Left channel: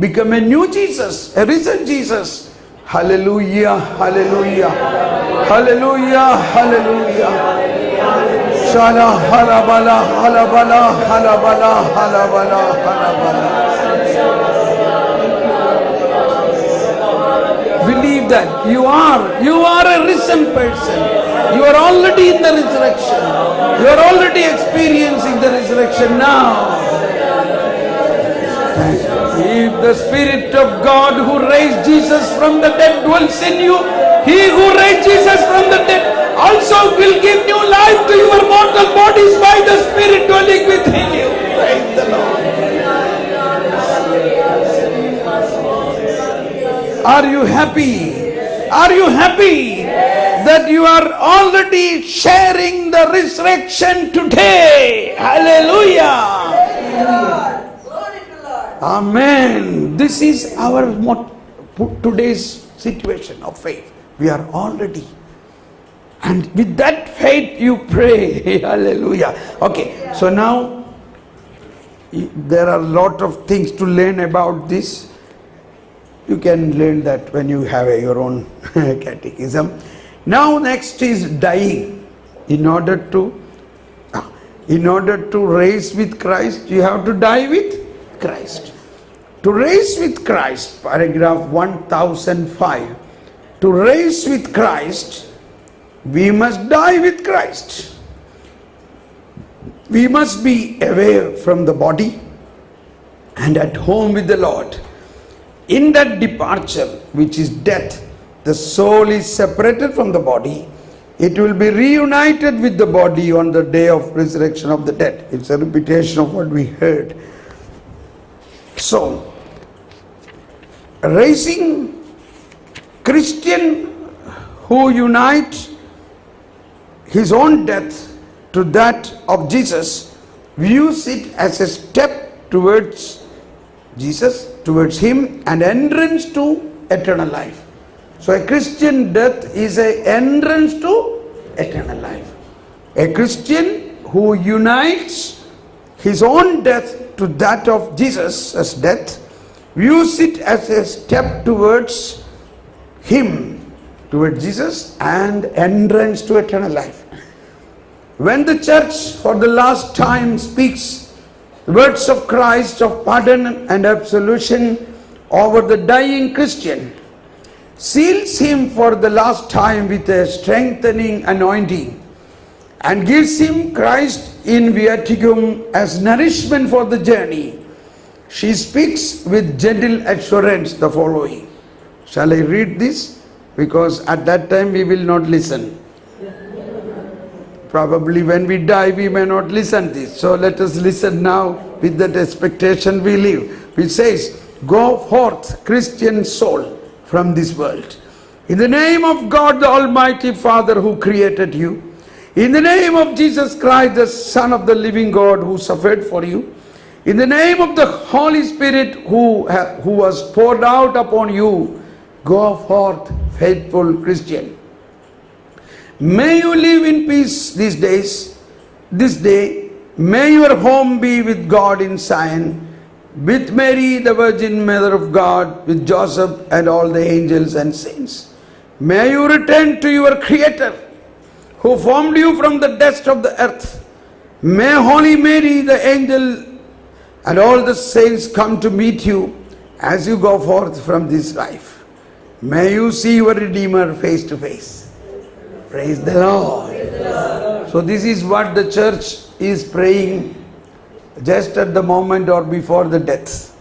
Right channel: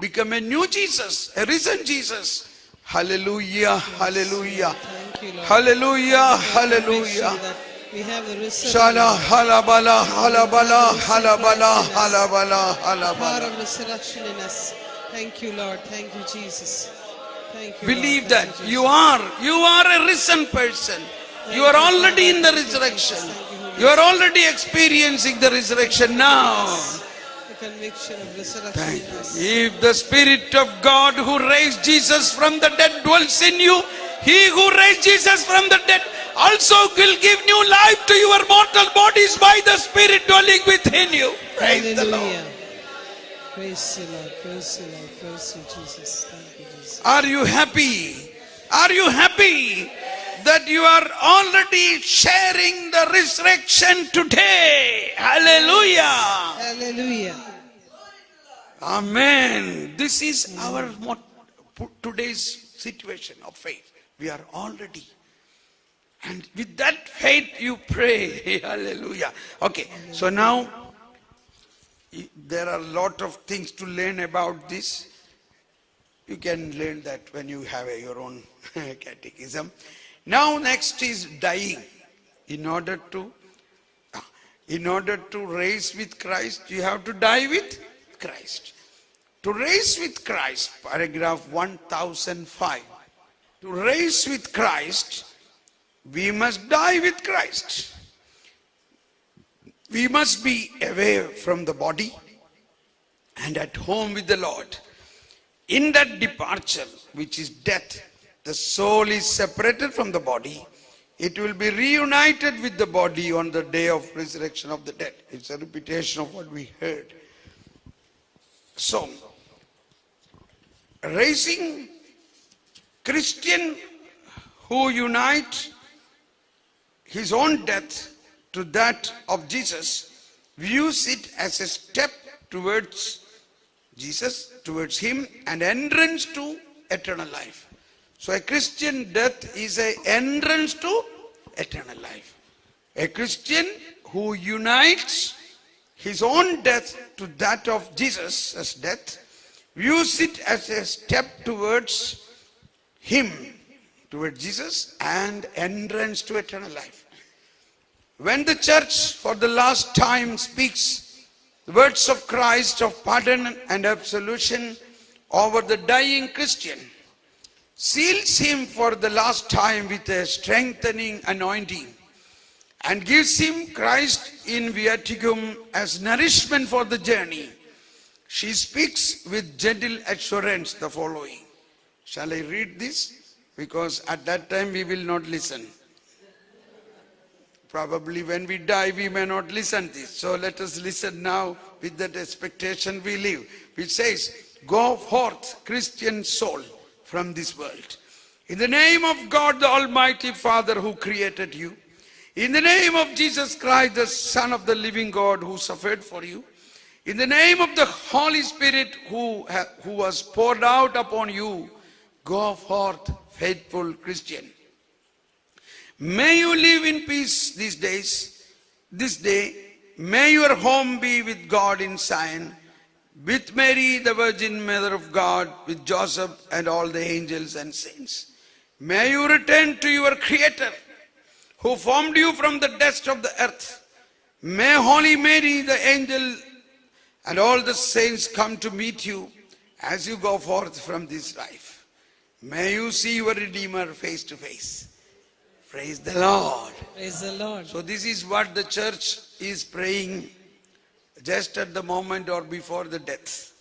become a new Jesus, a risen Jesus. Hallelujah, hallelujah, hallelujah, hallelujah. Shala halabala, halabala, halabala, halabala, halabala. Believe that you are a risen person. You are already in the resurrection. You are already experiencing the resurrection now. If the Spirit of God who raised Jesus from the dead dwells in you, He who raised Jesus from the dead also will give new life to your mortal bodies by the Spirit dwelling within you. Praise the Lord. Are you happy? Are you happy that you are already sharing the resurrection today? Hallelujah. Amen. This is our today's situation of faith. We are already. And with that faith you pray. Hallelujah. Okay. So now there are a lot of things to learn about this. You can learn that when you have your own catechism. Now next is dying. In order to raise with Christ, you have to die with Christ. To raise with Christ, paragraph 1005. To raise with Christ, we must die with Christ. We must be away from the body and at home with the Lord. In that departure, which is death, the soul is separated from the body. It will be reunited with the body on the day of resurrection of the dead. It's a repetition of what we heard. So, raising Christian who unite his own death to that of Jesus views it as a step towards Jesus, towards Him, and entrance to eternal life. So a Christian death is an entrance to eternal life. A Christian who unites his own death to that of Jesus as death views it as a step towards Him, towards Jesus, and entrance to eternal life. When the church for the last time speaks the words of Christ of pardon and absolution over the dying Christian, seals him for the last time with a strengthening anointing, and gives him Christ in viaticum as nourishment for the journey, she speaks with gentle assurance the following. Shall I read this? Because at that time we will not listen. Probably when we die we may not listen this. So let us listen now with that expectation we live. Which says, go forth, Christian soul, from this world. In the name of God the Almighty Father who created you. In the name of Jesus Christ, the Son of the living God who suffered for you. In the name of the Holy Spirit who was poured out upon you. Go forth, faithful Christian. May you live in peace these days, this day. May your home be with God in Zion, with Mary, the Virgin Mother of God, with Joseph and all the angels and saints. May you return to your Creator, who formed you from the dust of the earth. May Holy Mary, the angel, and all the saints come to meet you as you go forth from this life. May you see your Redeemer face to face. Praise the Lord. So this is what the church is praying just at the moment or before the death.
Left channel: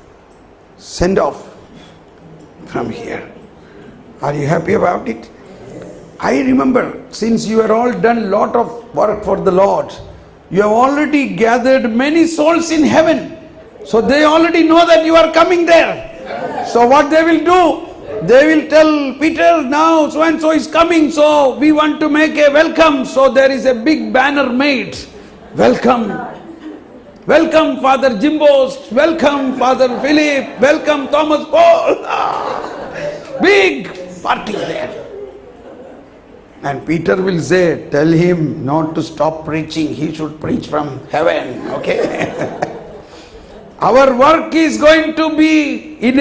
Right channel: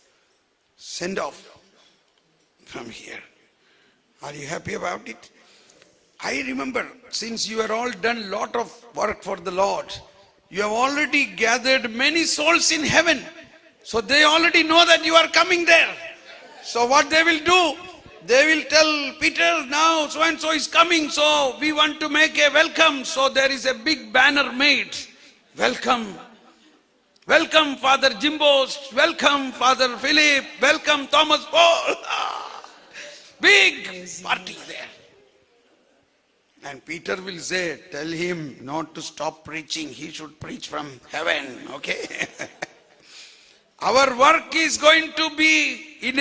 Send off from here. Are you happy about it? I remember, since you are all done lot of work for the Lord, you have already gathered many souls in heaven. So they already know that you are coming there. So what they will do? They will tell Peter, now so and so is coming, so we want to make a welcome. So there is a big banner made. Welcome. Welcome Father Jimbos. Welcome Father Philip. Welcome Thomas Paul. Big party there. And Peter will say, tell him not to stop preaching. He should preach from heaven. Okay. Our work is going to be in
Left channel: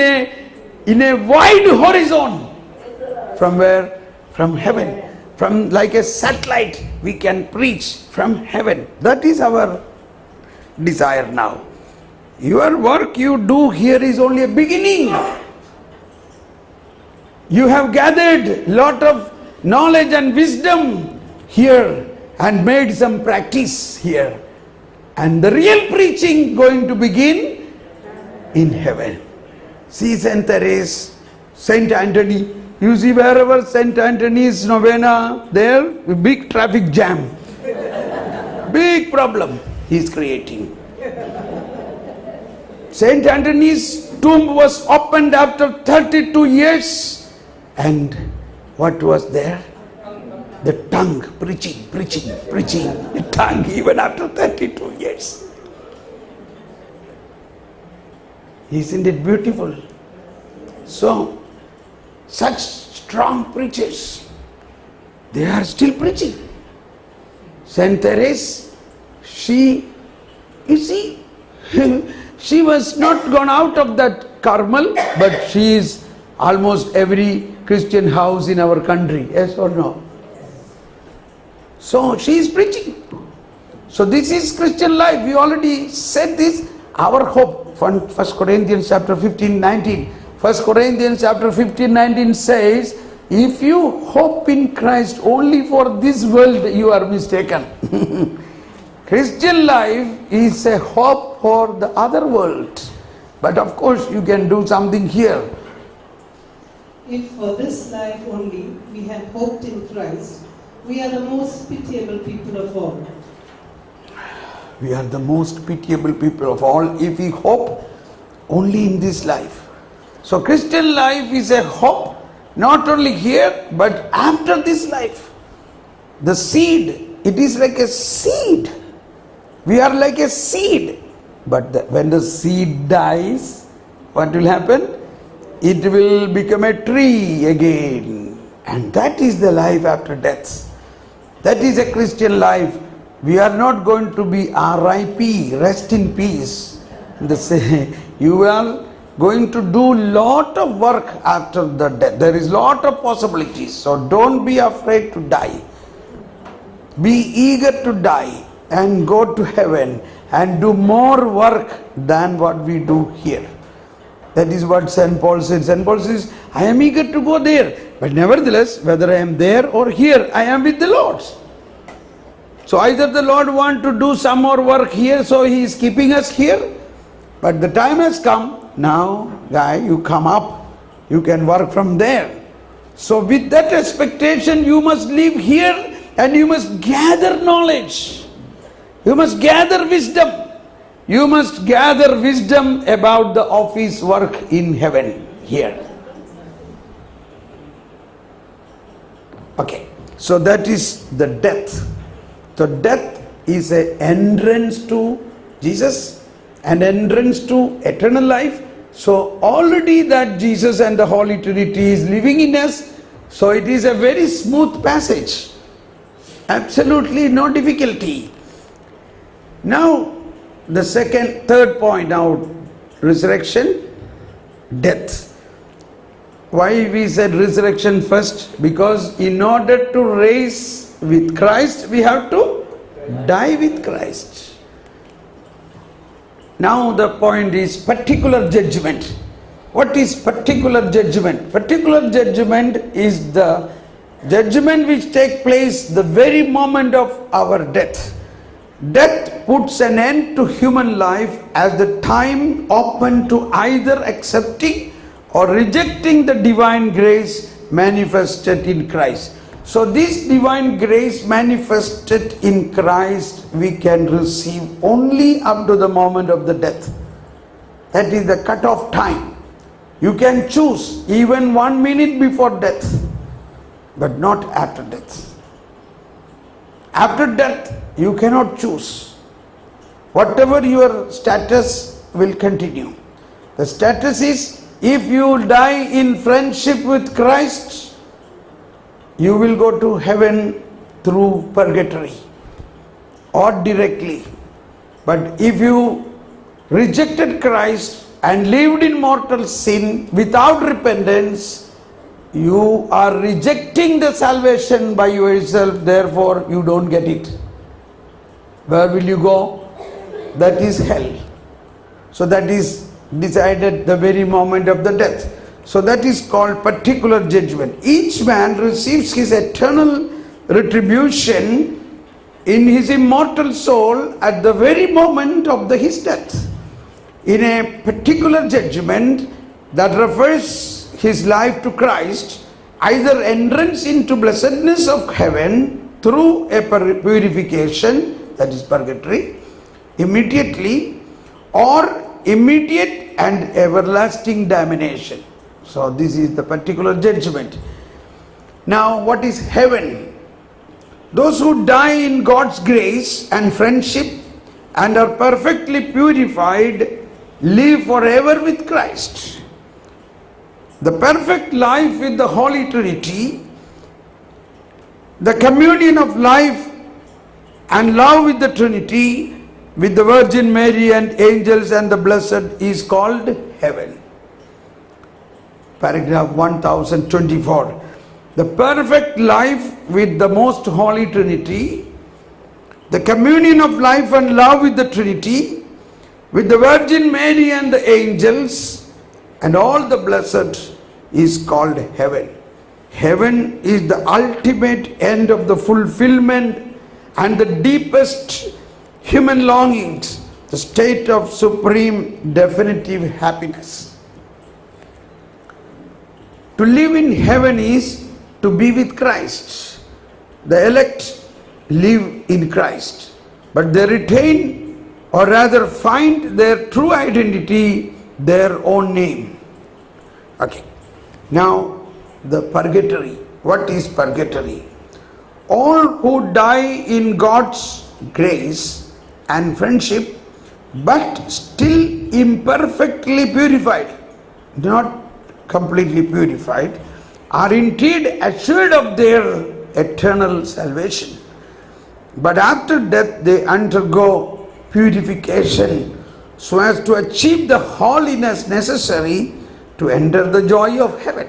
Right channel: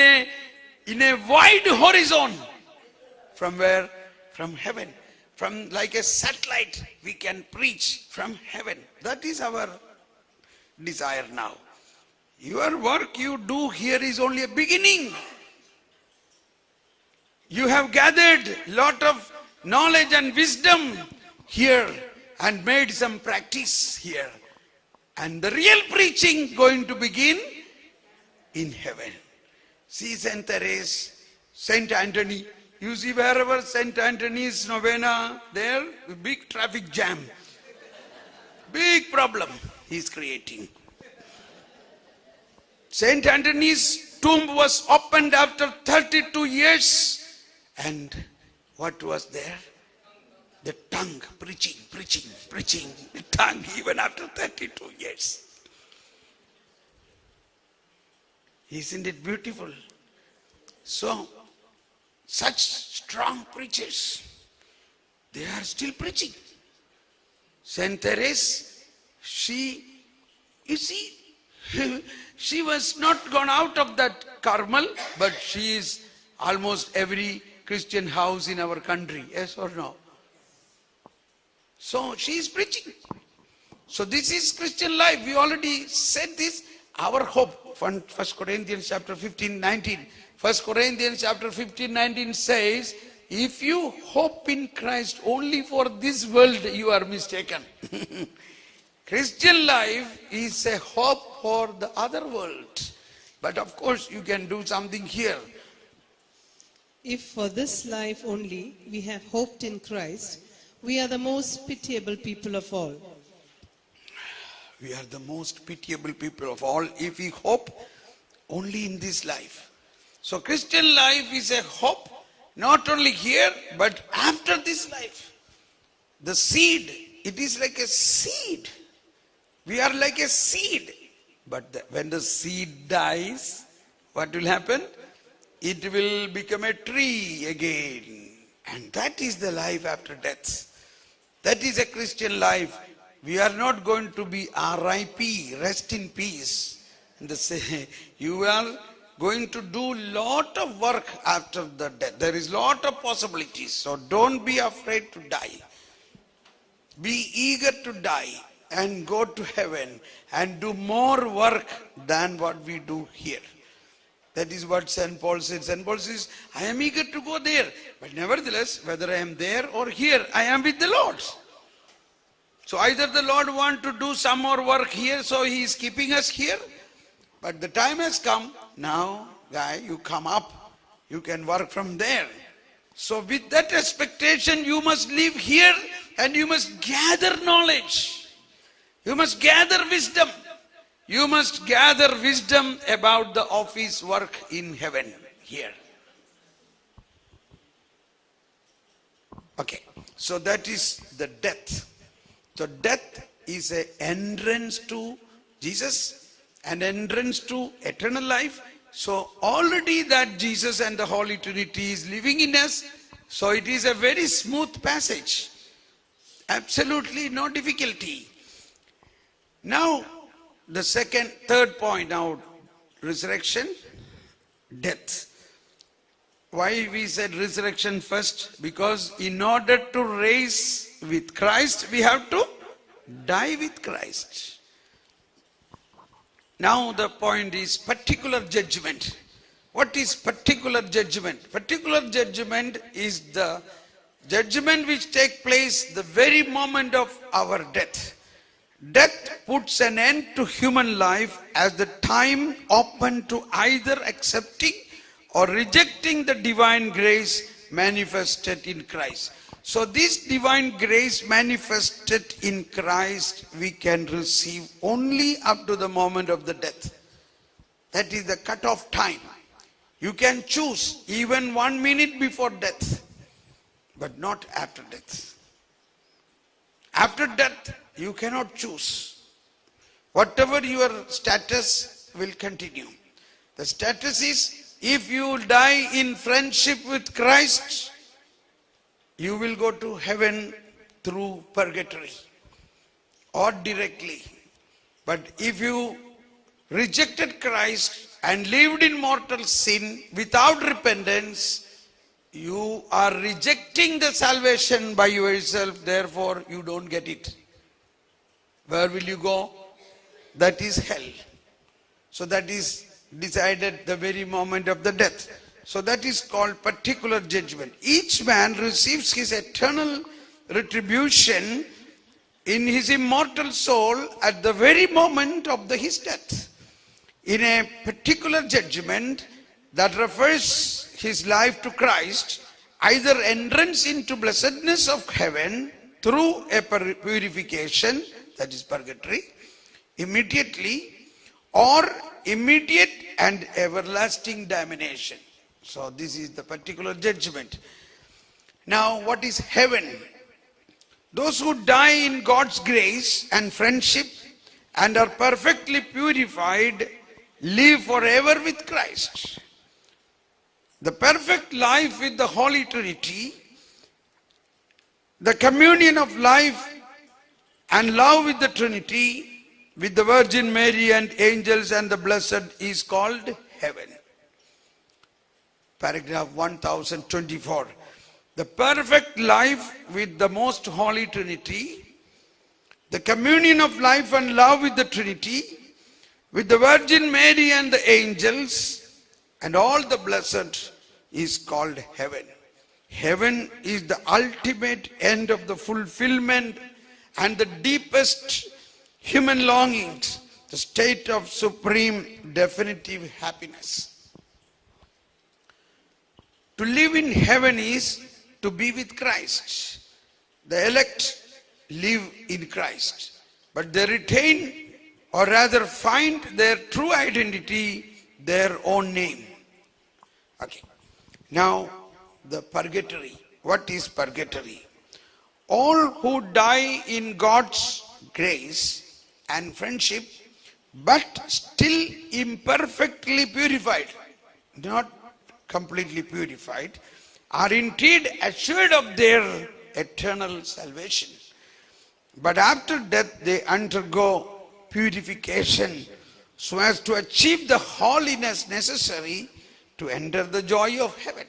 a wide horizon. From where? From heaven. From like a satellite, we can preach from heaven. That is our desire now. Your work you do here is only a beginning. You have gathered lot of knowledge and wisdom here and made some practice here. And the real preaching going to begin in heaven. See Saint Therese, Saint Anthony. You see wherever Saint Anthony's novena, there big traffic jam. Big problem he is creating. Saint Anthony's tomb was opened after 32 years. And what was there? The tongue, preaching. The tongue even after 32 years. Isn't it beautiful? So, such strong preachers, they are still preaching. Saint Therese, you see, she was not gone out of that Carmel, but she is almost every Christian house in our country, yes or no? So she is preaching. So this is Christian life. We already said this. Our hope, 1 Corinthians chapter 15, 19. 1 Corinthians chapter 15, 19 says, if you hope in Christ only for this world, you are mistaken. Christian life is a hope for the other world. But of course you can do something here. If for this life only we have hoped in Christ, we are the most pitiable people of all. We are the most pitiable people of all if we hope only in this life. So Christian life is a hope not only here but after this life. The seed, it is like a seed. We are like a seed. But when the seed dies, what will happen? It will become a tree again. And that is the life after death. That is a Christian life. We are not going to be R.I.P., rest in peace. You are going to do lot of work after the death. There is lot of possibilities. So don't be afraid to die. Be eager to die and go to heaven and do more work than what we do here. That is what St. Paul said. St. Paul says, I am eager to go there. But nevertheless, whether I am there or here, I am with the Lord. So either the Lord wants to do some more work here, so He is keeping us here. But the time has come. Now, guy, you come up. You can work from there. So with that expectation, you must live here and you must gather knowledge. You must gather wisdom. You must gather wisdom about the office work in heaven here. Okay, so that is the death. So death is an entrance to Jesus, an entrance to eternal life. So already that Jesus and the Holy Trinity is living in us. So it is a very smooth passage. Absolutely no difficulty. Now the third point now, resurrection, death. Why we said resurrection first? Because in order to rise with Christ, we have to die with Christ. Now the point is particular judgment. What is particular judgment? Particular judgment is the judgment which takes place the very moment of our death. Death puts an end to human life as the time open to either accepting or rejecting the divine grace manifested in Christ. So this divine grace manifested in Christ we can receive only up to the moment of the death. That is the cut-off time. You can choose even 1 minute before death, but not after death. After death, you cannot choose. Whatever your status will continue. The status is, if you die in friendship with Christ, you will go to heaven through purgatory or directly. But if you rejected Christ, and lived in mortal sin without repentance, you are rejecting the salvation by yourself, therefore you don't get it. Where will you go? That is hell. So that is decided the very moment of the death. So that is called particular judgment. Each man receives his eternal retribution in his immortal soul at the very moment of his death. In a particular judgment that refers his life to Christ, either entrance into blessedness of heaven through a purification, that is purgatory, immediately, or immediate and everlasting damnation. So this is the particular judgment. Now what is heaven? Those who die in God's grace and friendship and are perfectly purified live forever with Christ. The perfect life with the Holy Trinity, the communion of life and love with the Trinity, with the Virgin Mary and angels and the blessed, is called heaven. Paragraph 1024. The perfect life with the most Holy Trinity, the communion of life and love with the Trinity, with the Virgin Mary and the angels and all the blessed, is called heaven. Heaven is the ultimate end of the fulfillment and the deepest human longings, the state of supreme definitive happiness. To live in heaven is to be with Christ. The elect live in Christ, but they retain, or rather find their true identity, their own name. Okay. Now the purgatory. What is purgatory? All who die in God's grace and friendship but still imperfectly purified, not completely purified, are indeed assured of their eternal salvation. But after death they undergo purification so as to achieve the holiness necessary to enter the joy of heaven.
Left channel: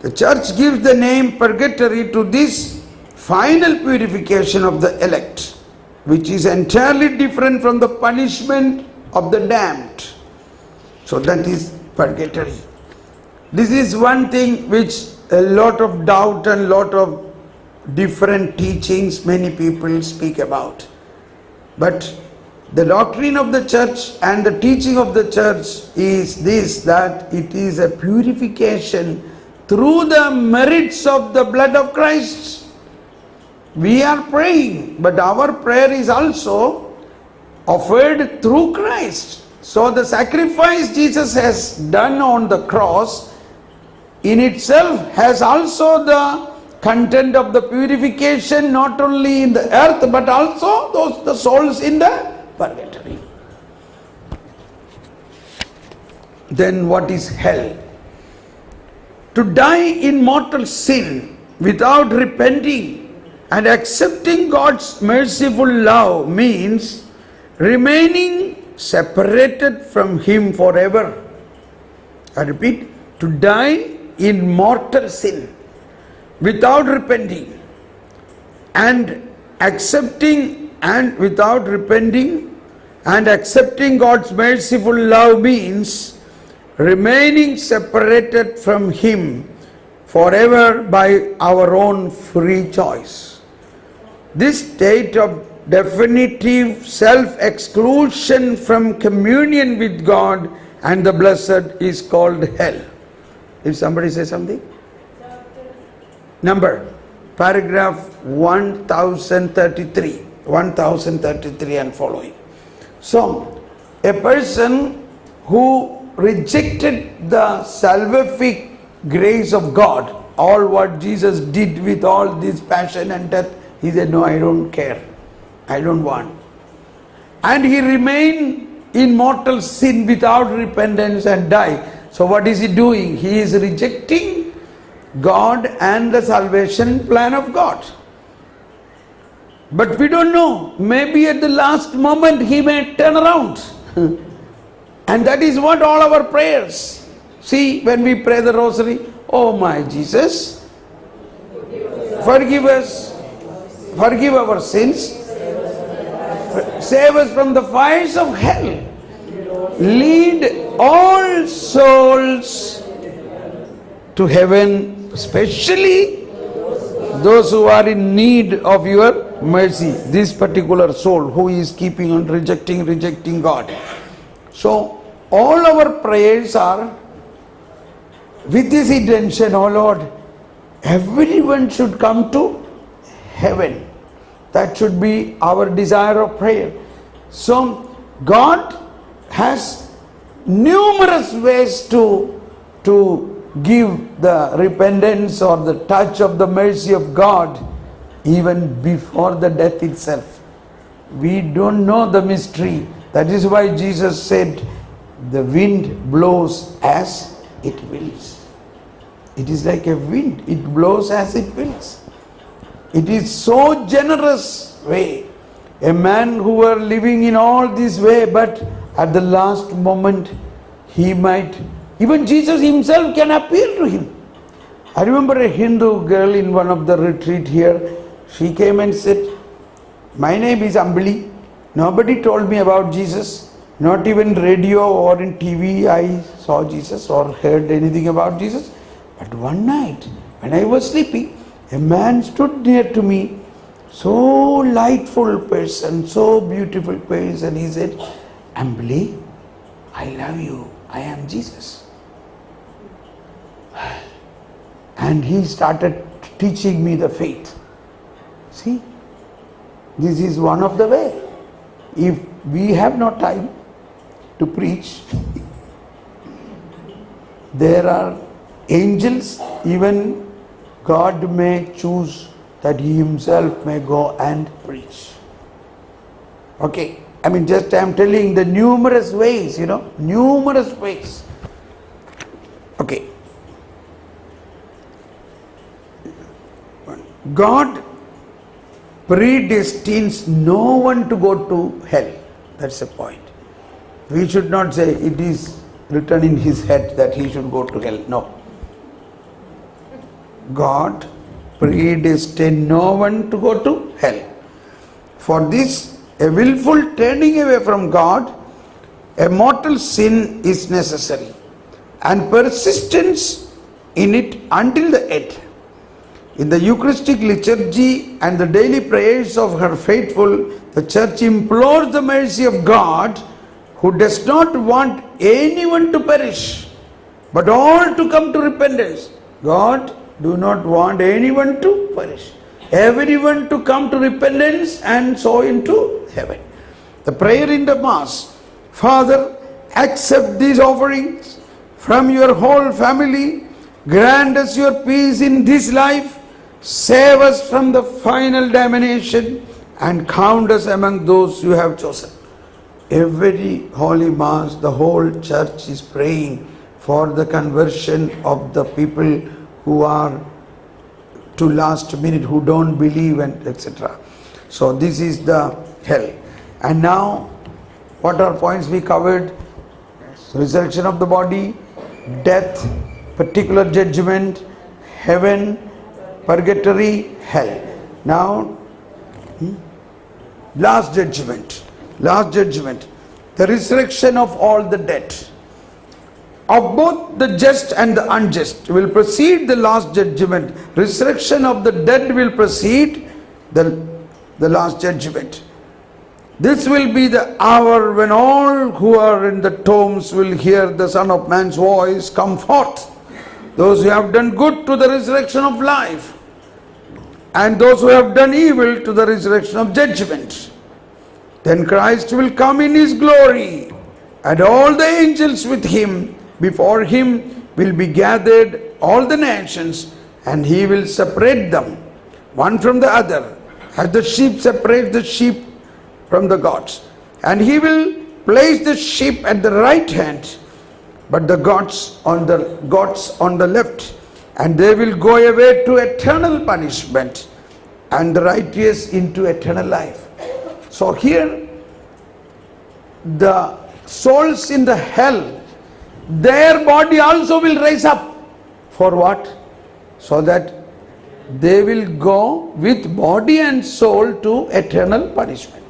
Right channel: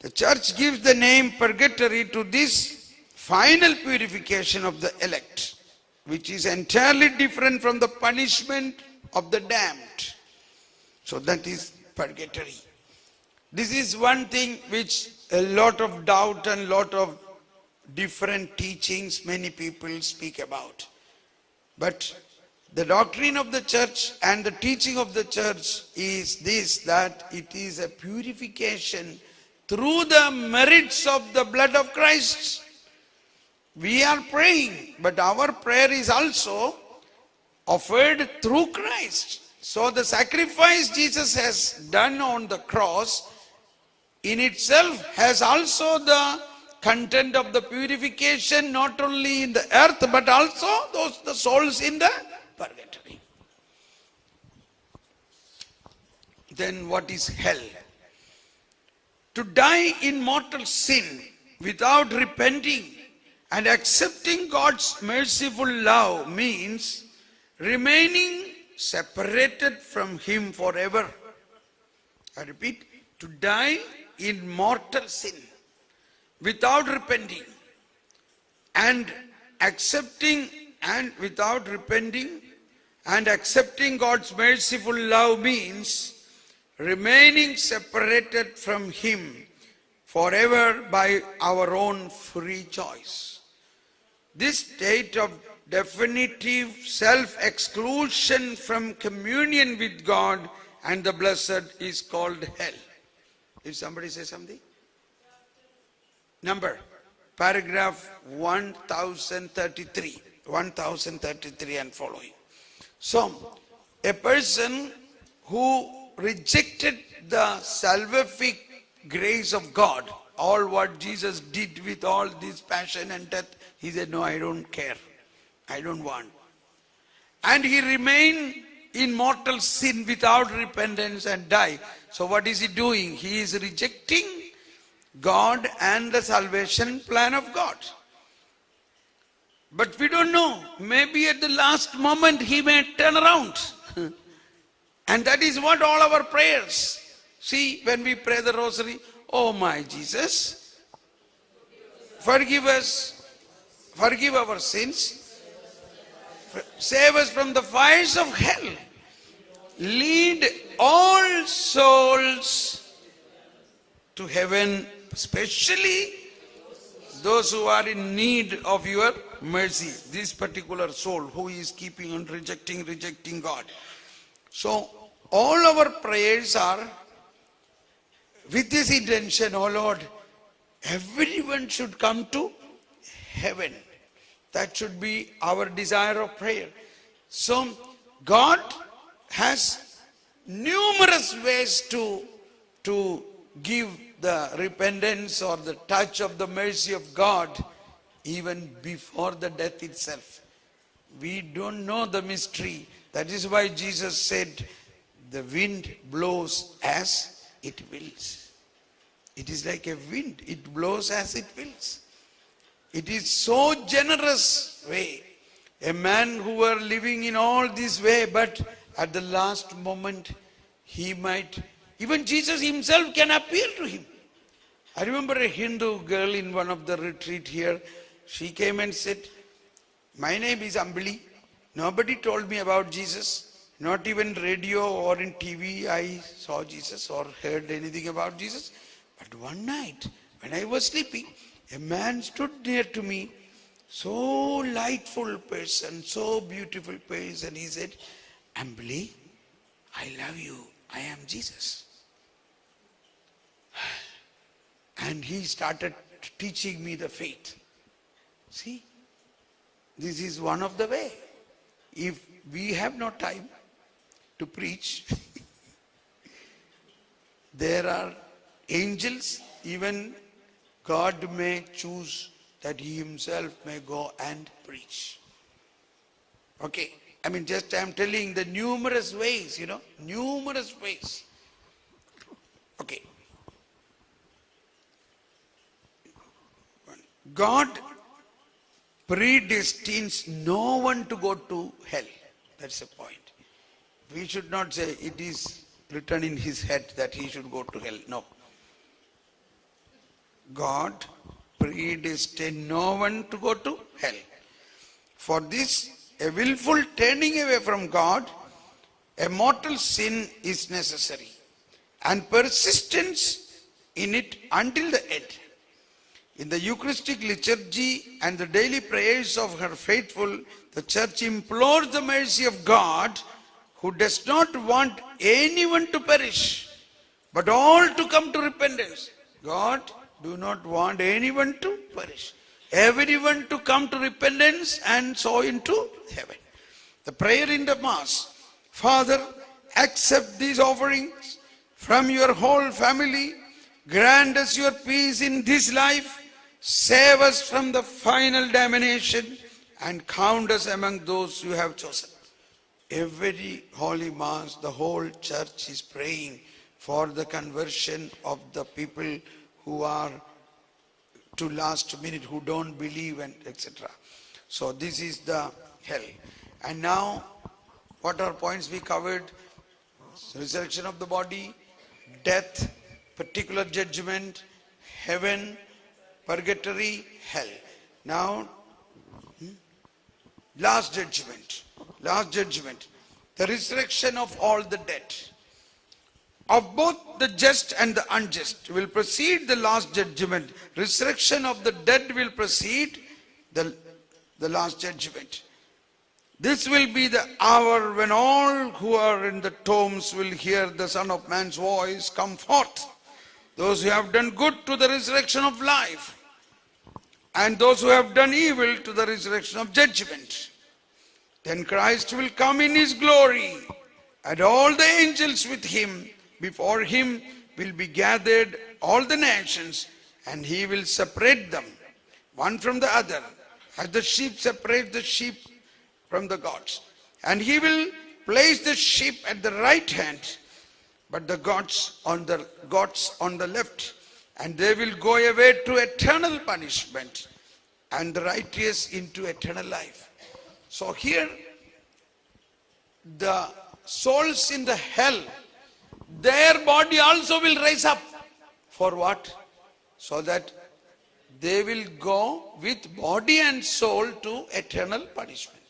The church gives the name purgatory to this final purification of the elect, which is entirely different from the punishment of the damned. So that is purgatory. This is one thing which a lot of doubt and lot of different teachings many people speak about. But the doctrine of the church and the teaching of the church is this, that it is a purification through the merits of the blood of Christ. We are praying, but our prayer is also offered through Christ. So the sacrifice Jesus has done on the cross in itself has also the content of the purification, not only in the earth but also the souls in the purgatory. Then what is hell? To die in mortal sin without repenting and accepting God's merciful love means remaining separated from Him forever. I repeat, to die in mortal sin without repenting and accepting God's merciful love means remaining separated from Him forever by our own free choice. This state of definitive self-exclusion from communion with God and the blessed is called hell. Did somebody say something? Number, paragraph 1033 and following. So, a person who rejected the salvific grace of God, all what Jesus did with all this passion and death, he said, no, I don't care. I don't want. And he remained in mortal sin without repentance and died. So what is he doing? He is rejecting God and the salvation plan of God. But we don't know. Maybe at the last moment he may turn around. And that is what all our prayers. See, when we pray the rosary, oh my Jesus, forgive us, forgive our sins, save us from the fires of hell, lead all souls to heaven, especially those who are in need of your mercy. This particular soul who is keeping on rejecting God. So all our prayers are with this intention, oh Lord, everyone should come to heaven. That should be our desire of prayer. So God has numerous ways to give the repentance or the touch of the mercy of God even before the death itself. We don't know the mystery. That is why Jesus said, the wind blows as it wills. It is like a wind. It blows as it wills. It is so generous way. A man who were living in all this way, but at the last moment he might, even Jesus himself can appear to him. I remember a Hindu girl in one of the retreat here. She came and said, my name is Ambali. Nobody told me about Jesus. Not even radio or in TV I saw Jesus or heard anything about Jesus. But one night when I was sleeping, a man stood near to me, so lightful person, so beautiful person. He said, Ambali, I love you. I am Jesus. And he started teaching me the faith. See, this is one of the way. If we have no time to preach, there are angels, even God may choose that He Himself may go and preach. Okay, I mean just I am telling the numerous ways, numerous ways. Okay. God predestines no one to go to hell. That's the point. We should not say it is written in His head that he should go to hell. No. God predestined no one to go to hell. For this, a willful turning away from God, a mortal sin is necessary, and persistence in it until the end. In the Eucharistic liturgy and the daily prayers of her faithful, the Church implores the mercy of God, who does not want anyone to perish, but all to come to repentance. God do not want anyone to perish. Everyone to come to repentance and so into heaven. The prayer in the Mass, Father, accept these offerings from your whole family, grant us your peace in this life, save us from the final damnation, and count us among those you have chosen. Every Holy Mass, the whole Church is praying for the conversion of the people who are to last minute, who don't believe, and etc. So this is the hell. And now, what are points we covered? Resurrection of the body, death, particular judgment, heaven, purgatory, hell. Now, last judgment. Last judgment. The resurrection of all the dead. Of both the just and the unjust will precede the last judgment. Resurrection of the dead will precede the last judgment. This will be the hour when all who are in the tombs will hear the Son of Man's voice, come forth. Those who have done good to the resurrection of life, and those who have done evil to the resurrection of judgment. Then Christ will come in His glory, and all the angels with Him. Before Him will be gathered all the nations, and He will separate them one from the other, as the sheep separate the sheep from the goats. And He will place the sheep at the right hand, but the goats on the left, and they will go away to eternal punishment, and the righteous into eternal life. So here the souls in the hell, their body also will rise up. For what? So that they will go with body and soul to eternal punishment.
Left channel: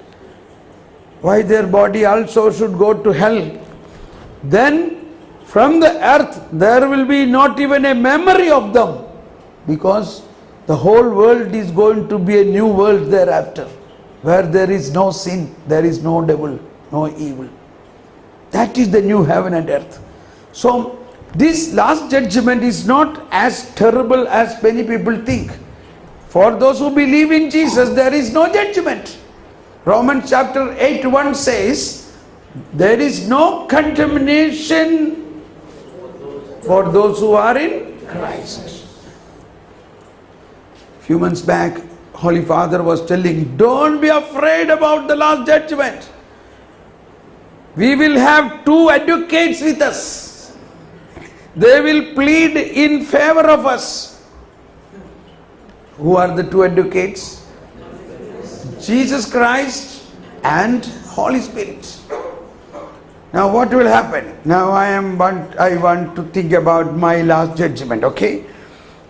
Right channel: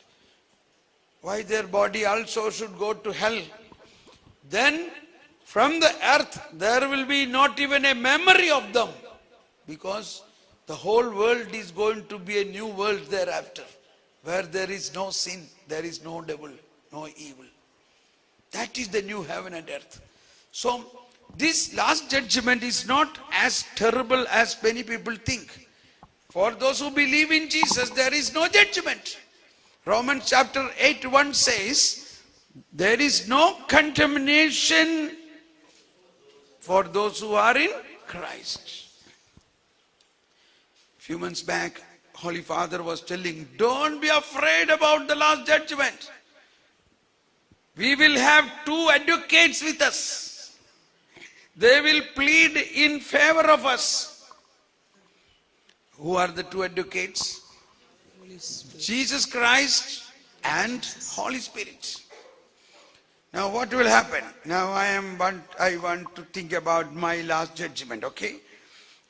Why their body also should go to hell? Then from the earth there will be not even a memory of them, because the whole world is going to be a new world thereafter, where there is no sin, there is no devil, no evil. That is the new heaven and earth. So this last judgment is not as terrible as many people think. For those who believe in Jesus, there is no judgment. Romans chapter 8:1 says, there is no condemnation for those who are in Christ. Few months back, Holy Father was telling, don't be afraid about the last judgment. We will have two advocates with us. They will plead in favor of us. Who are the two advocates? Jesus Christ and Holy Spirit. Now what will happen? Now I want to think about my last judgment, okay?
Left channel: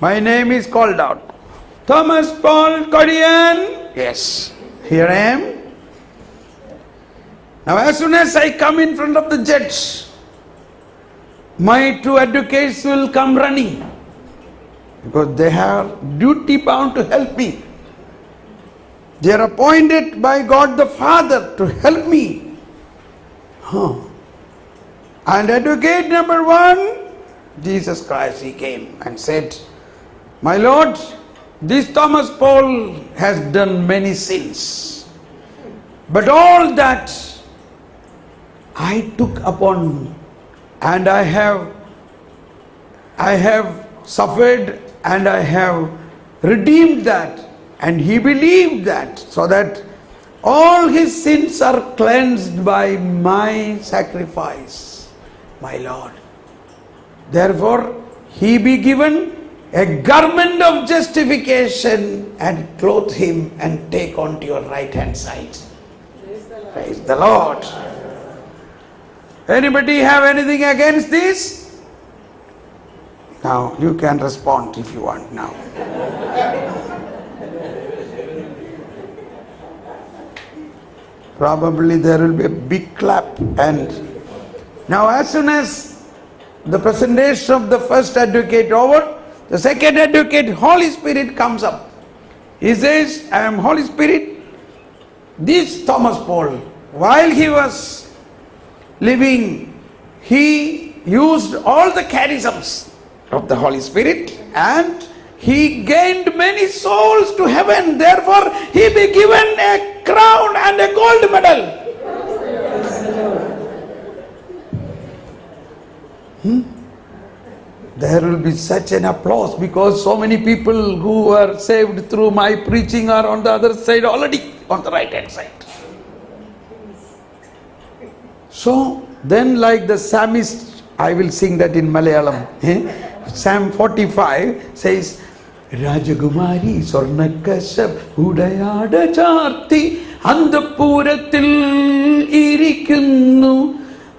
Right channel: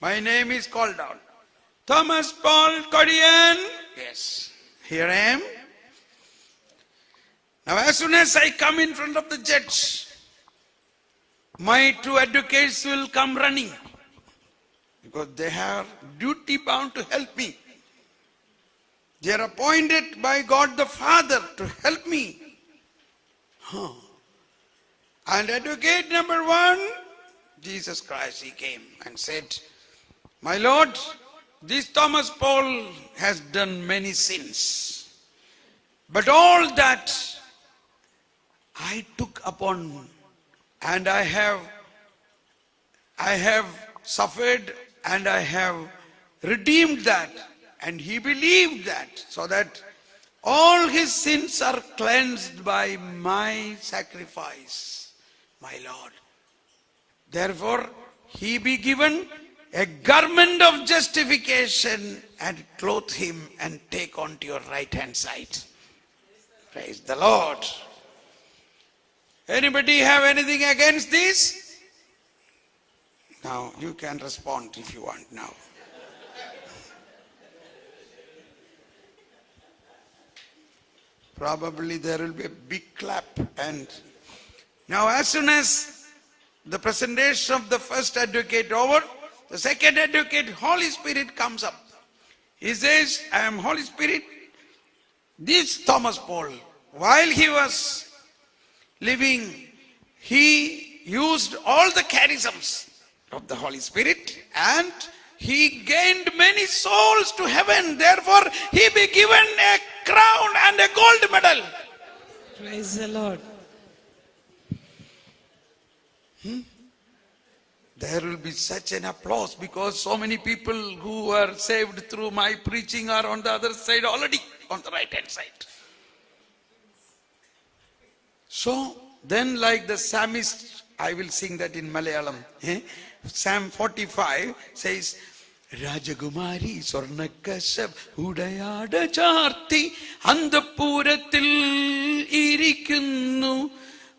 My name is called out. Thomas Paul Codian. Yes, here I am. Now as soon as I come in front of the judge, my two advocates will come running, because they have duty bound to help me. They are appointed by God the Father to help me. And advocate number one, Jesus Christ, he came and said, my Lord, this Thomas Paul has done many sins, but all that I took upon, and I have suffered, and I have redeemed that, and he believed that, so that all his sins are cleansed by my sacrifice, my Lord. Therefore, he be given a garment of justification and clothe him and take on to your right hand side. Praise the Lord. Anybody have anything against this? Now you can respond if you want now. Probably there will be a big clap. And now as soon as the presentation of the first advocate over, the second advocate, Holy Spirit, comes up. He says, I am Holy Spirit. This Thomas Paul, while he was living, he used all the charisms of the Holy Spirit, and he gained many souls to heaven. Therefore, he be given a crown and a gold medal. Praise the Lord. There will be such an applause, because so many people who are saved through my preaching are on the other side already, on the right hand side. So then, like the psalmist, I will sing that in Malayalam. Psalm 45 says, Rajagumari Sornakashab Udayada Charti Andapuratil Irikunnu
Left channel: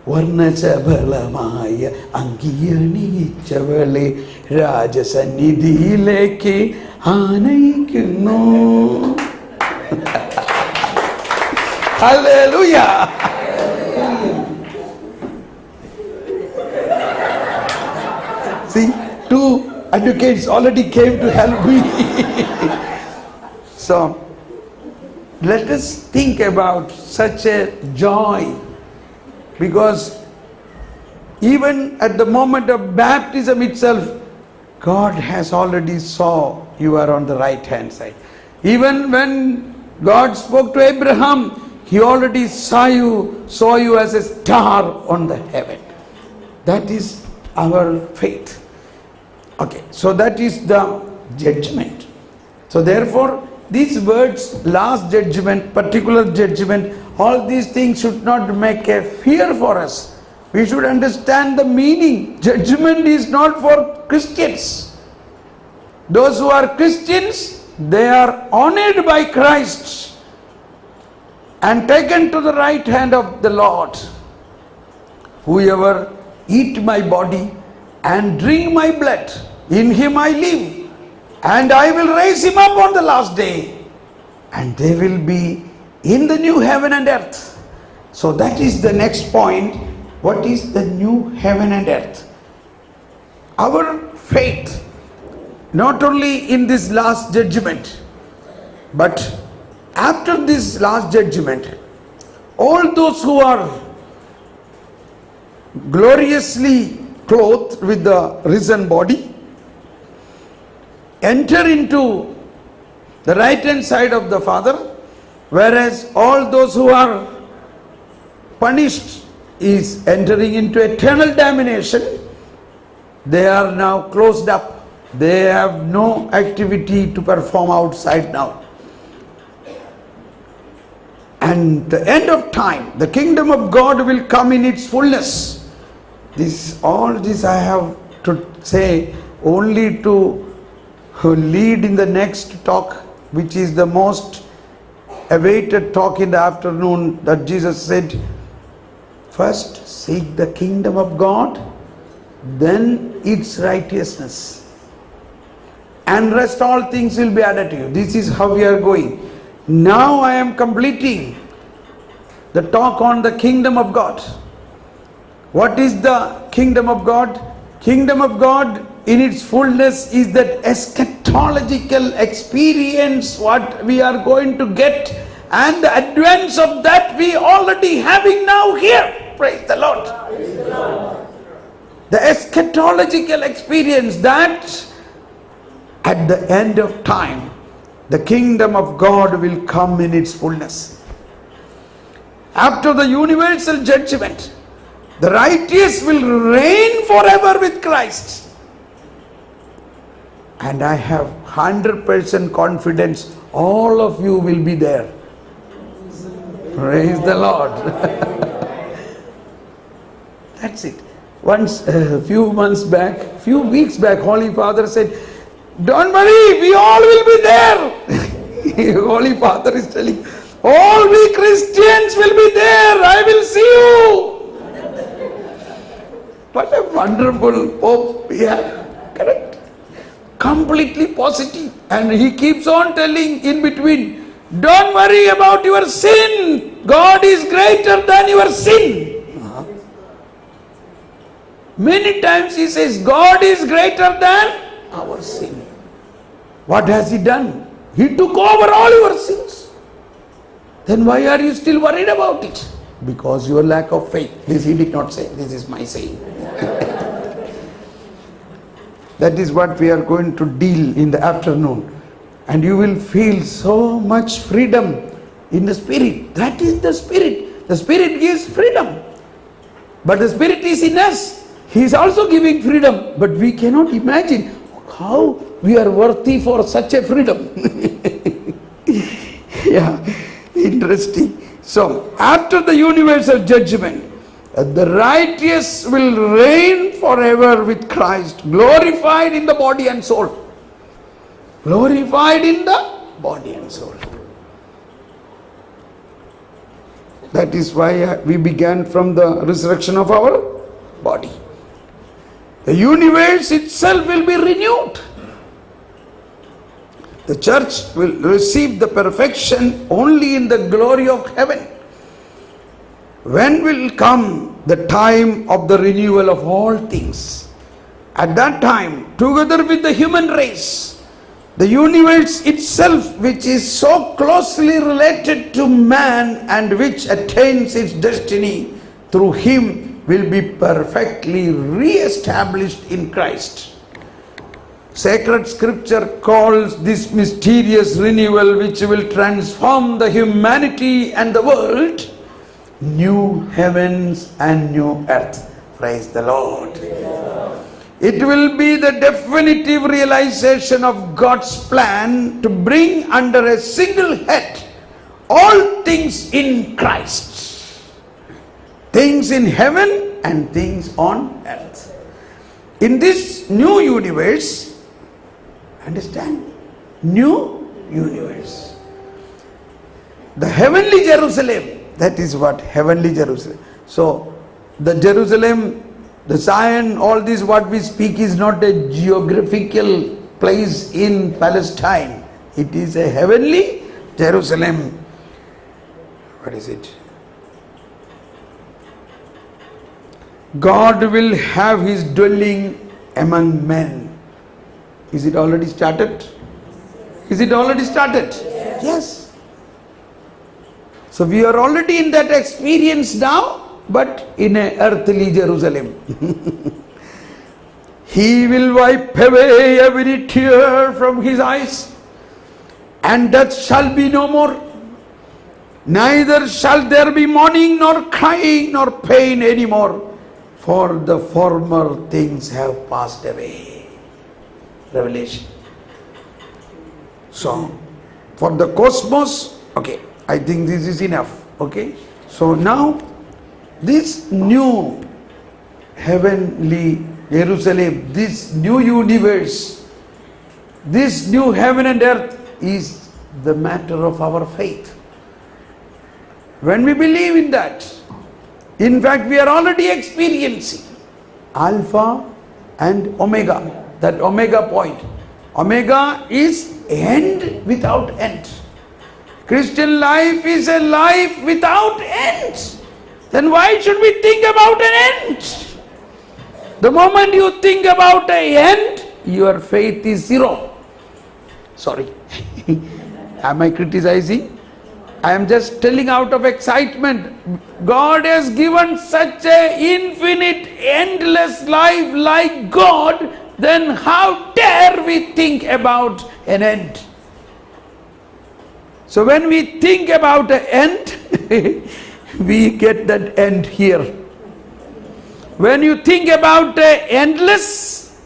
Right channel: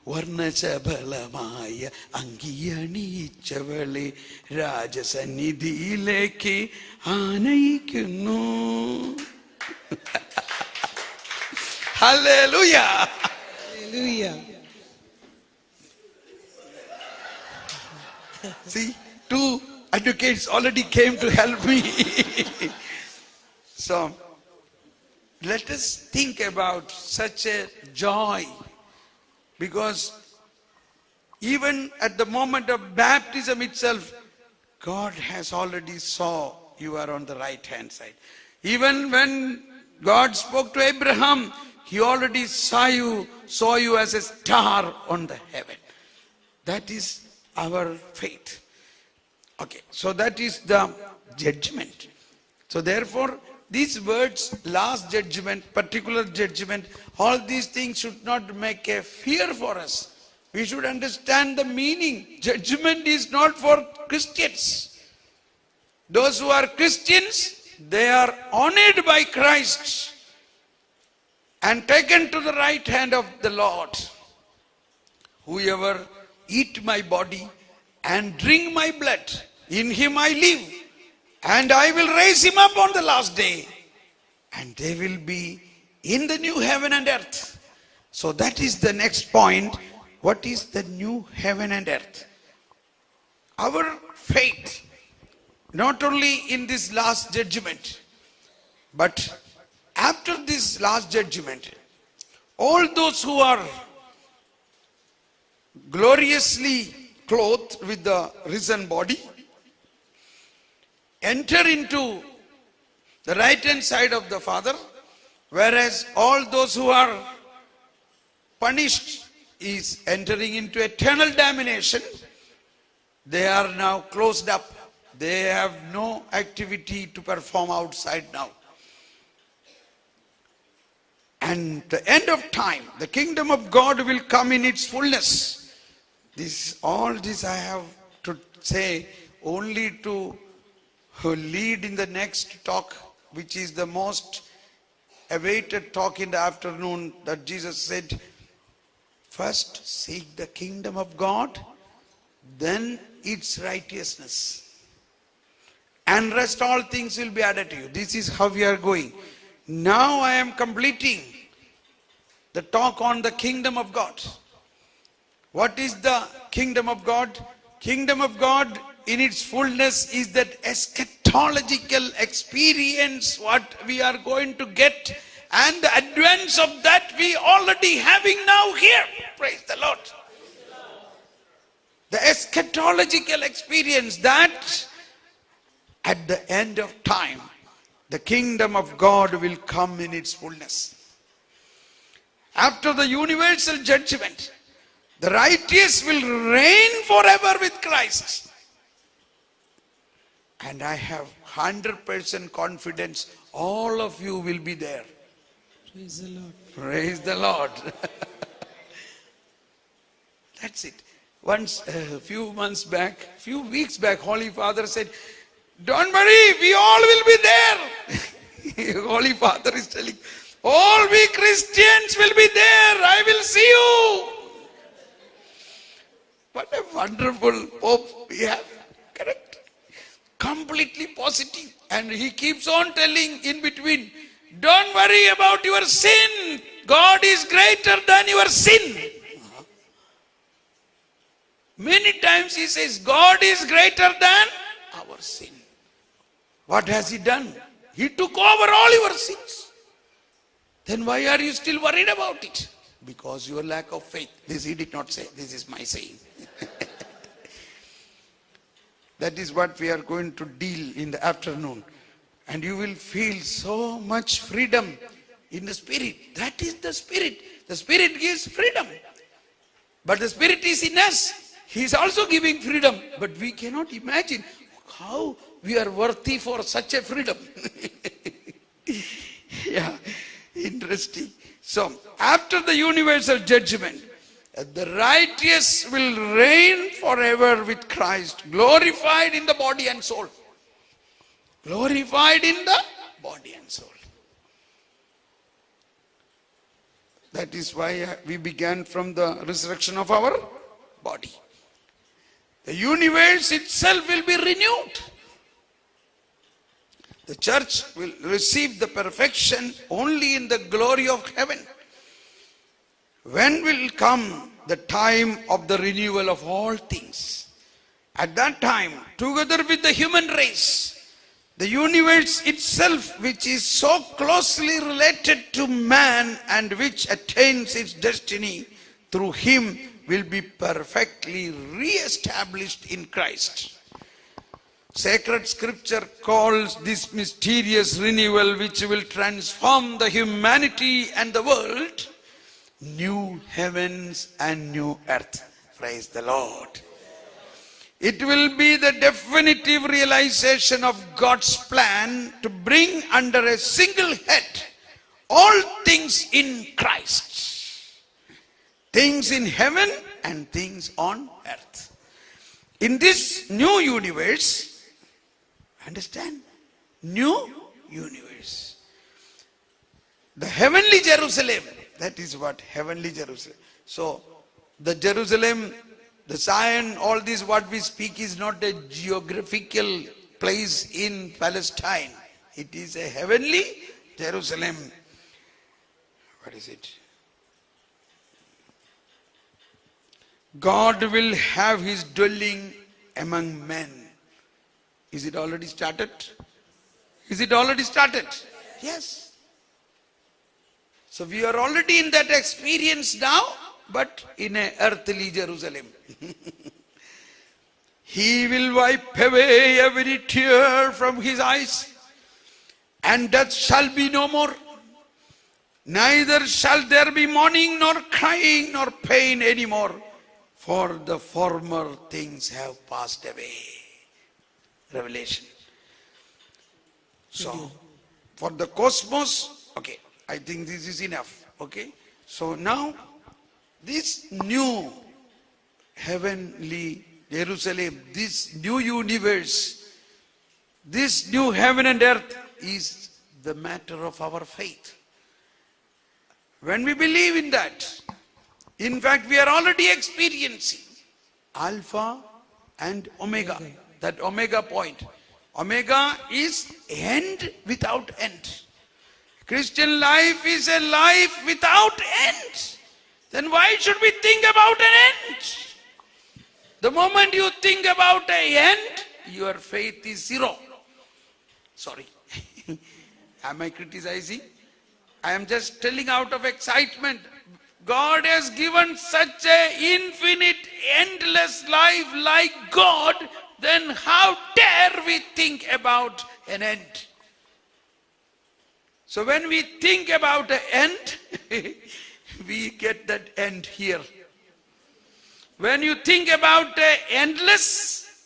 Varnachabalamaya Angiyaniichavale Rajasanidhileke Anaikunnu. Hallelujah! See, two advocates already came to help me. So, let us think about such a joy, because even at the moment of baptism itself, God has already saw you are on the right hand side. Even when God spoke to Abraham, he already saw you as a star on the heaven. That is our faith. Okay, so that is the judgment. So therefore, these words, last judgment, particular judgment, all these things should not make a fear for us. We should understand the meaning. Judgment is not for Christians. Those who are Christians, they are honored by Christ and taken to the right hand of the Lord. whoever eat my body and drink my blood, in him I live, and I will raise him up on the last day, and they will be in the new heaven and earth. So that is the next point. What is the new heaven and earth? Our faith, not only in this last judgment, but after this last judgment, all those who are gloriously clothed with the risen body enter into the right hand side of the Father, whereas all those who are punished is entering into eternal damnation. They are now closed up. They have no activity to perform outside now. And the end of time, the kingdom of God will come in its fullness. All this I have to say only to lead in the next talk, which is the most awaited talk in the afternoon, that Jesus said, first seek the kingdom of God, then its righteousness, and rest all things will be added to you. This is how we are going. Now I am completing the talk on the kingdom of God. What is the kingdom of God? Kingdom of God in its fullness is that eschatological experience what we are going to get, and the advance of that we already having now here. Praise the Lord. Praise the Lord. The eschatological experience that at the end of time, the kingdom of God will come in its fullness. After the universal judgment, the righteous will reign forever with Christ. And I have 100% confidence all of you will be there. Praise the Lord. That's it. Once, a few weeks back, Holy Father said, don't worry, we all will be there. Holy Father is telling, all we Christians will be there. I will see you. What a wonderful Pope we have. Correct? Completely positive. And he keeps on telling in between, don't worry about your sin. God is greater than your sin. Many times he says, God is greater than our sin. What has he done? He took over all your sins. Then why are you still worried about it? Because your lack of faith. This he did not say. This is my saying. That is what we are going to deal in the afternoon. And you will feel so much freedom in the Spirit. That is the Spirit. The Spirit gives freedom. But the Spirit is in us. He is also giving freedom. But we cannot imagine how we are worthy for such a freedom. Yeah, interesting. So, after the universal judgment, the righteous will reign forever with Christ, glorified in the body and soul. Glorified in the body and soul. That is why we began from the resurrection of our body. The universe itself will be renewed. The church will receive the perfection only in the glory of heaven. When will come the time of the renewal of all things? At that time, together with the human race, the universe itself, which is so closely related to man and which attains its destiny through him, will be perfectly re-established in Christ. Sacred scripture calls this mysterious renewal, which will transform the humanity and the world, new heavens and new earth. Praise the Lord. It will be the definitive realization of God's plan to bring under a single head all things in Christ. Things in heaven and things on earth. In this new universe, understand? New universe. The heavenly Jerusalem, that is what heavenly Jerusalem. So, The Jerusalem, the Zion, all this what we speak is not a geographical place in Palestine. It is a heavenly Jerusalem. What is it? God will have his dwelling among men. Is it already started? Is it already started? Yes. So we are already in that experience now, but in an earthly Jerusalem. He will wipe away every tear from his eyes, and death shall be no more. Neither shall there be mourning, nor crying, nor pain anymore, for the former things have passed away. Revelation. So, for the cosmos, okay, I think this is enough. Okay, so now this new heavenly Jerusalem, this new universe, this new heaven and earth is the matter of our faith. When we believe in that, in fact we are already experiencing Alpha and Omega, that Omega point. Omega is end without end. Christian life is a life without end. Then why should we think about an end? The moment you think about an end, your faith is zero. Sorry. Am I criticizing? I am just telling out of excitement. God has given such an infinite, endless life like God, then how dare we think about an end? So when we think about an end, we get that end here. When you think about endless,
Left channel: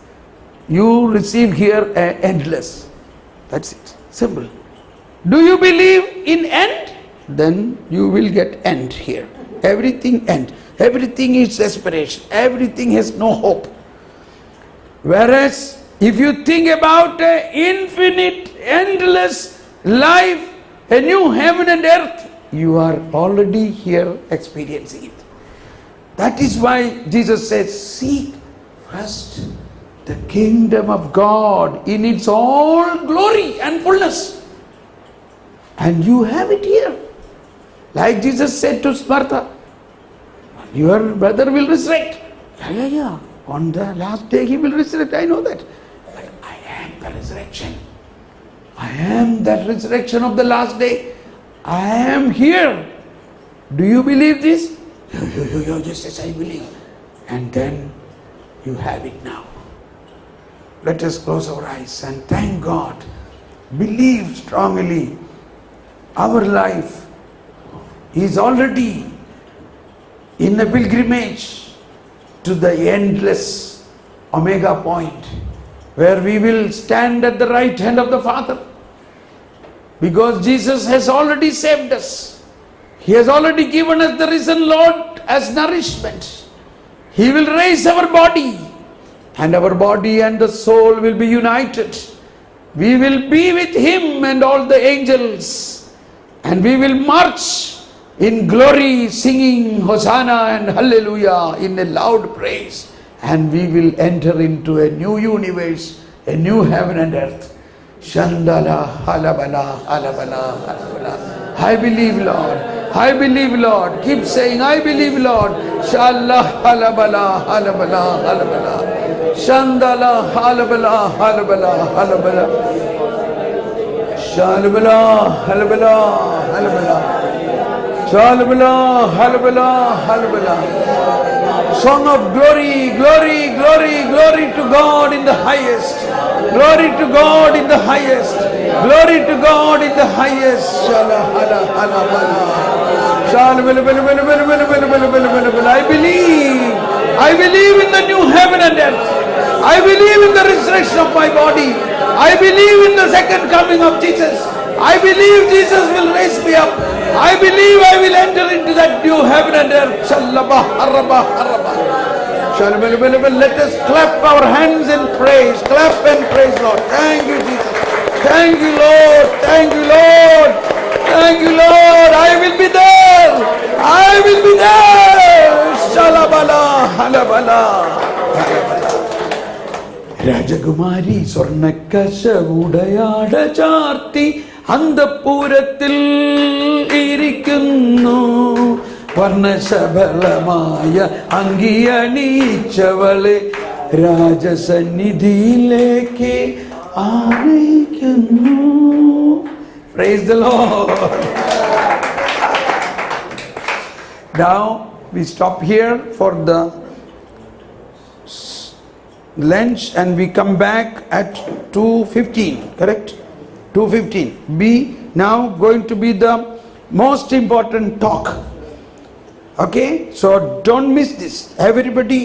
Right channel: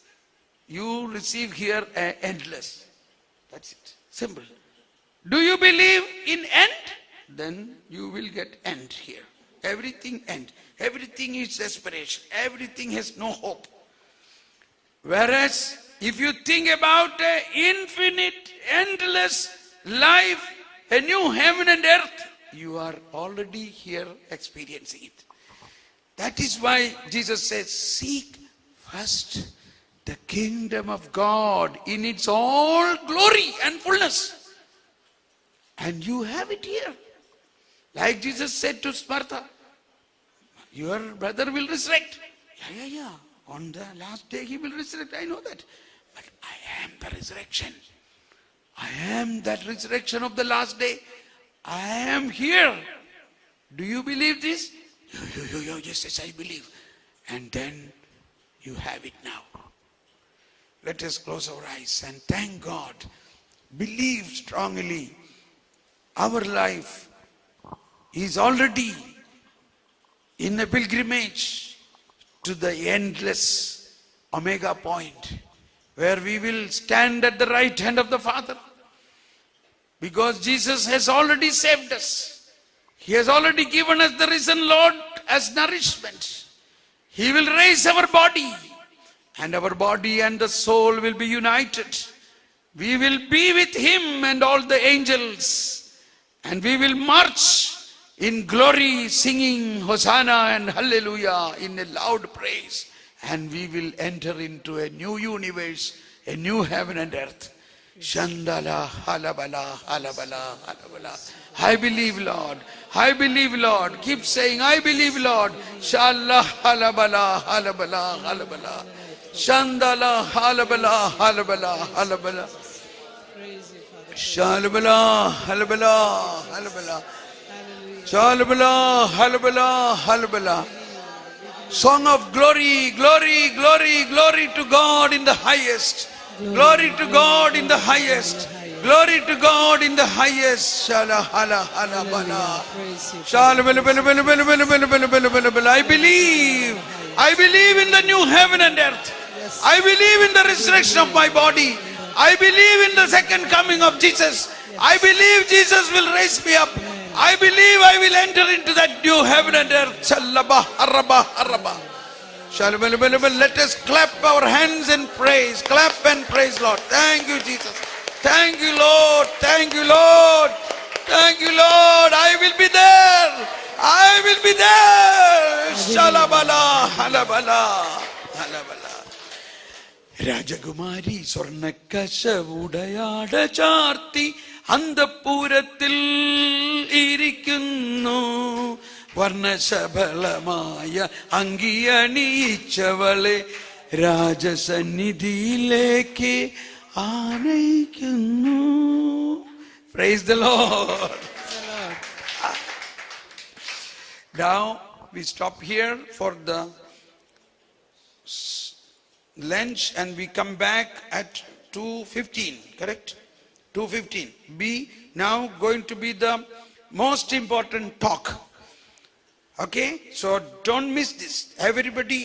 you receive here endless. That's it. Simple. Do you believe in end? Then you will get end here. Everything end. Everything is desperation. Everything has no hope. Whereas if you think about an infinite, endless life, a new heaven and earth, you are already here experiencing it. That is why Jesus says, seek first the kingdom of God in its all glory and fullness. And you have it here. Like Jesus said to Martha, your brother will resurrect. Yeah. On the last day he will resurrect, I know that. But I am the resurrection. I am that resurrection of the last day. I am here. Do you believe this? Yes, I believe. And then you have it now. Let us close our eyes and thank God. Believe strongly. Our life is already in a pilgrimage to the endless Omega point, where we will stand at the right hand of the Father. Because Jesus has already saved us. He has already given us the risen Lord as nourishment. He will raise our body, and our body and the soul will be united. We will be with Him and all the angels, and we will march in glory, singing Hosanna and Hallelujah in a loud praise. And we will enter into a new universe, a new heaven and earth. Shandala, halabala, halabala, halabala. I believe, Lord. I believe, Lord. Keep saying, I believe, Lord. Shallah, halabala, halabala, halabala. Shandala, halabala, halabala, halabala. Shalabala, halabala, halabala. Shalabala, halabala, halabala. Song of glory, glory, glory, glory to God in the highest. Glory to God in the highest. Glory to God in the highest. I believe in the new heaven and earth. I believe in the resurrection of my body. I believe in the second coming of Jesus. I believe Jesus will raise me up. I believe I will enter into that new heaven and earth. Let us clap our hands and praise. Clap and praise, Lord. Thank you, Jesus. Thank you, Lord. Thank you, Lord. Thank you, Lord. I will be there. I will be there. ഹലബല. രാജകുമാരി സ്വർണ്ണക്കശവുടയാട ചാർത്തി അന്തഃപുരത്തിൽ ഇരിക്കുന്നു. വർണ്ണശബളമായ അങ്കിയണിയിച്ചവളെ രാജസന്നിധിയിലേക്ക് ആനയിക്കുന്നു. Praise the Lord. Now we stop here for the lunch and we come back at 2:15, correct? 2:15. Be now going to be the most important talk. Okay, so don't miss this. Everybody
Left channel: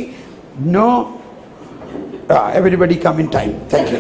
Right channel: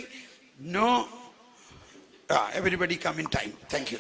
know, everybody come in time. Thank you.